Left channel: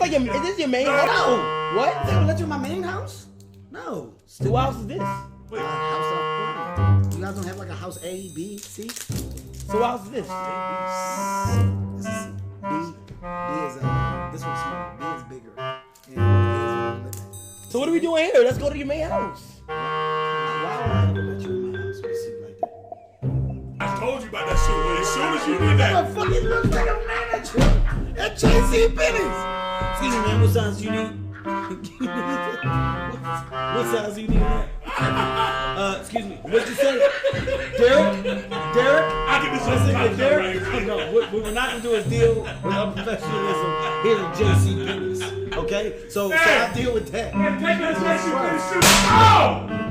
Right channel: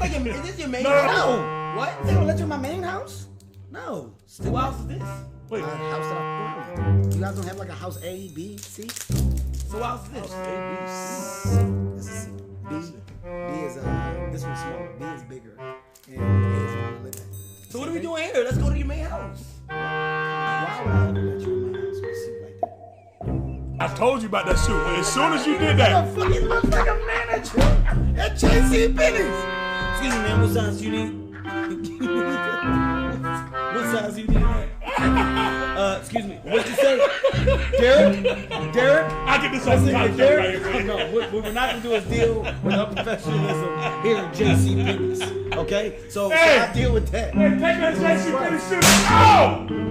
like is this your main house? No. What? They gonna let you in my main house? No. Who house is this? Wait. House that I'm born in. You guys don't have like a house A, B, C? So who house is this? This is C. B is this one's smaller. B is bigger. And A is where I live at. So what are we doing here? Let's go to your main house. Why would I ever let you in my house with a suit like that? I told you about that suit. And as soon as you did that, Motherfucker looks like a manager at J.C. Penney's. Excuse me, man. What size do you need? What size do you need? Excuse me. What you say, Derek? I get this on Listen, the Derek. No, what we're not gonna do is deal with unprofessionalism here at J.C. Penney's. Okay, so I deal with that. take that JC Penney suit. Oh!